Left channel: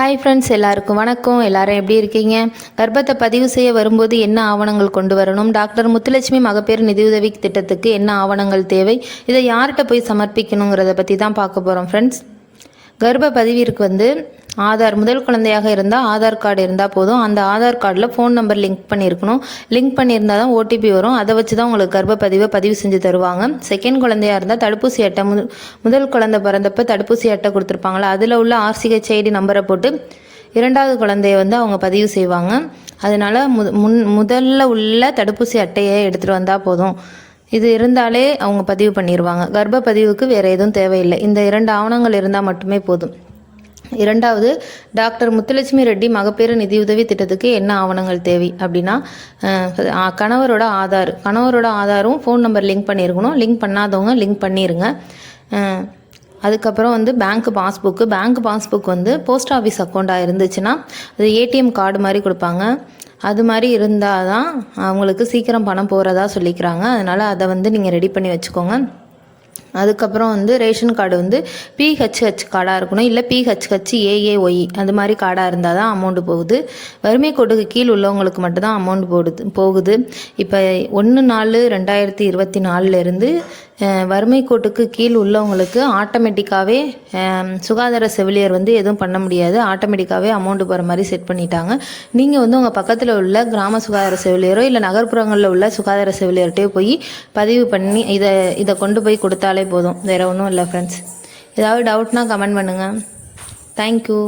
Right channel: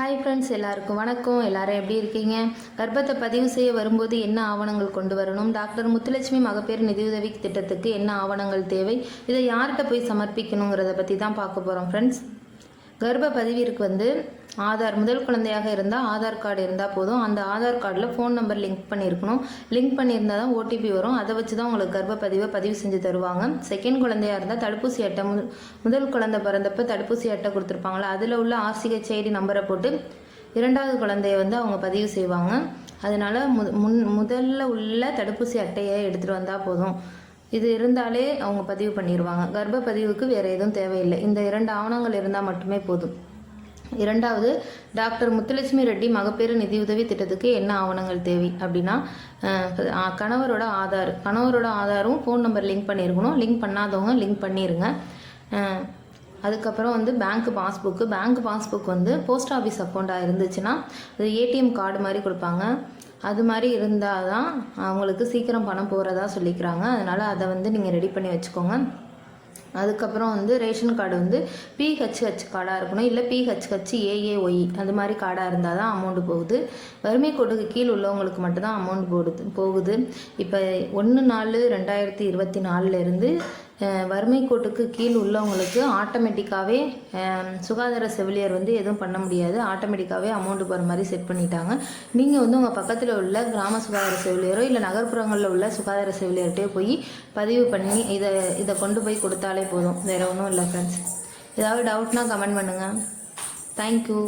Hi friends, எல்லாருக்கும் வணக்கம். எல்லாரும் எப்படி இருக்கீங்க? கர்ப்பத்தை பதிவு செய்ய வரும்போது என்ன ஆவணங்கள் கொண்டு வரணும்? டாக்டர் முத்துலட்சுமி மகப்பேறு நிதியுதவி திட்டத்துக்கு என்ன ஆவணங்கள் தேவை? இதை யார்கிட்ட போய் சமர்ப்பிக்கணுங்கிறத பற்றி தான் பார்க்க போகிறோம் ஃப்ரெண்ட்ஸ். கர்ப்ப பதிவிற்கு ஆதார், முதல் குழந்தையாக இருந்தால் ஆதார் கார்டு இருந்தால் போதும். அந்த ஆதார் கார்டில் ஃபோன் நம்பர் லிங்க் பண்ணியிருக்கணும். லிங்க் பண்ணியிருந்தால் தான் ஓடிபி வரும். அதை வச்சு தான் உங்களுக்கு கர்ப்ப பதிவு செஞ்சு தருவாங்க. செகண்ட் குழந்தையாக இருந்தால் தடுப்பூசி அட்டை, முதல் குழந்தை பிறந்தப்போ தடுப்பூசி அட்டை கொடுத்துருப்பாங்களா, அதில் உள்ள RCHID நம்பரை போட்டு இரண்டாவது குழந்தைய அவங்க பதிவு செய்வாங்க. அதனால் முதல்ல உள்ள தடுப்பூசி அட்டையை எடுத்துகிட்டு வந்தால் போதும். இது இருந்தாலே அவங்க பதிவு பண்ணிடுவாங்க. கர்ப்ப பதிவுக்கு வேறு எதுவும் தேவையில்லை. இந்த 2 ஆவணங்கள் இருந்தால் மட்டுமே போதும். இரண்டாவது, டாக்டர் முத்துலட்சுமி ரெட்டி மகப்பேறு நிதியுதவி திட்டத்துக்கு என்ன ஆவணங்கள் தேவை அப்படின்னா, கணவரோட ஆதாரும் ஃபோன் நம்பர் லிங்க் பண்ணியிருக்கணும். லிங்க் பண்ணாதவங்க லிங்க் பண்ணிடுங்க. அதுக்கப்புறம் பேங்க் பாஸ்புக் போஸ்ட் ஆஃபீஸ் அக்கௌண்ட்டாக இருந்துச்சுன்னா அது ATM கார்டு மாதிரி கொடுப்பாங்க. அது மாதிரி இருந்தால் தான் அவங்களுக்கு சீக்கிரம் பணம் போகிறதா சொல்லிக்கிறாங்க. அதனால் அதை நீங்கள் ரெடி பண்ணி வச்சுக்கோங்க. அதுக்கப்புறம் ரேஷன் கார்டு PHH கார்டாக இருக்கணும். இல்லை PHHAAY அது மாதிரி கார்டாக இருந்தால் தான் அமௌண்ட்டு போகுது. வறுமை கோட்டுக்கு கீழ் உள்ளவங்களுக்கு மட்டும்தான் அமௌண்ட் போகுது. இப்போ 1/4/2024 வறுமை கோட்டுக்கு கீழ் உள்ளவங்களுக்கு ஆட்டோமேட்டிக்காகவே சுகாதார செவிலியர் எதுவும் பண்ண முடியாது. ஆட்டோமேட்டிக்காகவே அமௌண்ட்டு போகிற மாதிரி செட் பண்ணிட்டாங்க. நீங்கள் உங்கள் பக்கத்தில் உள்ள கிராம சுகாதார செவிலியரோ இல்லை நகர்ப்புறங்களில் உள்ள சுகாதார செவிலியர்கிட்டே போய் பதிவு பண்ணி இதை கொண்டு போய் கொடுத்தாலே போதும். வேறு ஒன்றும் இல்லை ஃப்ரெண்ட்ஸ். ஏதாவது டவுட்னா கமெண்ட் பண்ணுங்கள். தேங்க்யூ.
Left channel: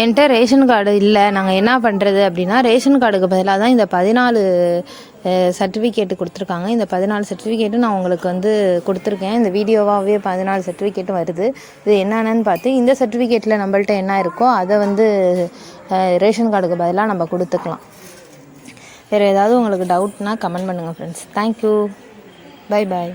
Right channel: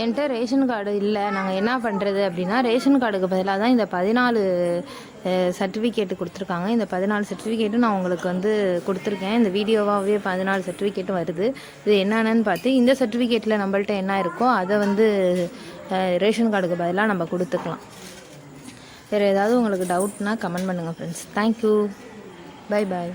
என்கிட்ட ரேஷன் கார்டு இல்லை, நாங்கள் என்ன பண்ணுறது அப்படின்னா, ரேஷன் கார்டுக்கு பதிலாக தான் இந்த 14 சர்டிஃபிகேட்டு கொடுத்துருக்காங்க. இந்த 14 சர்டிஃபிகேட்டு நான் உங்களுக்கு கொடுத்துருக்கேன். இந்த வீடியோவாகவே 14 சர்டிஃபிகேட்டும் வருது. இது என்னென்னு பார்த்து இந்த சர்டிஃபிகேட்டில் நம்மள்ட்ட என்ன இருக்கோ அதை ரேஷன் கார்டுக்கு பதிலாக நம்ம கொடுத்துக்கலாம். வேறு ஏதாவது உங்களுக்கு டவுட்னா கமெண்ட் பண்ணுங்கள் ஃப்ரெண்ட்ஸ். தேங்க்யூ. Bye bye.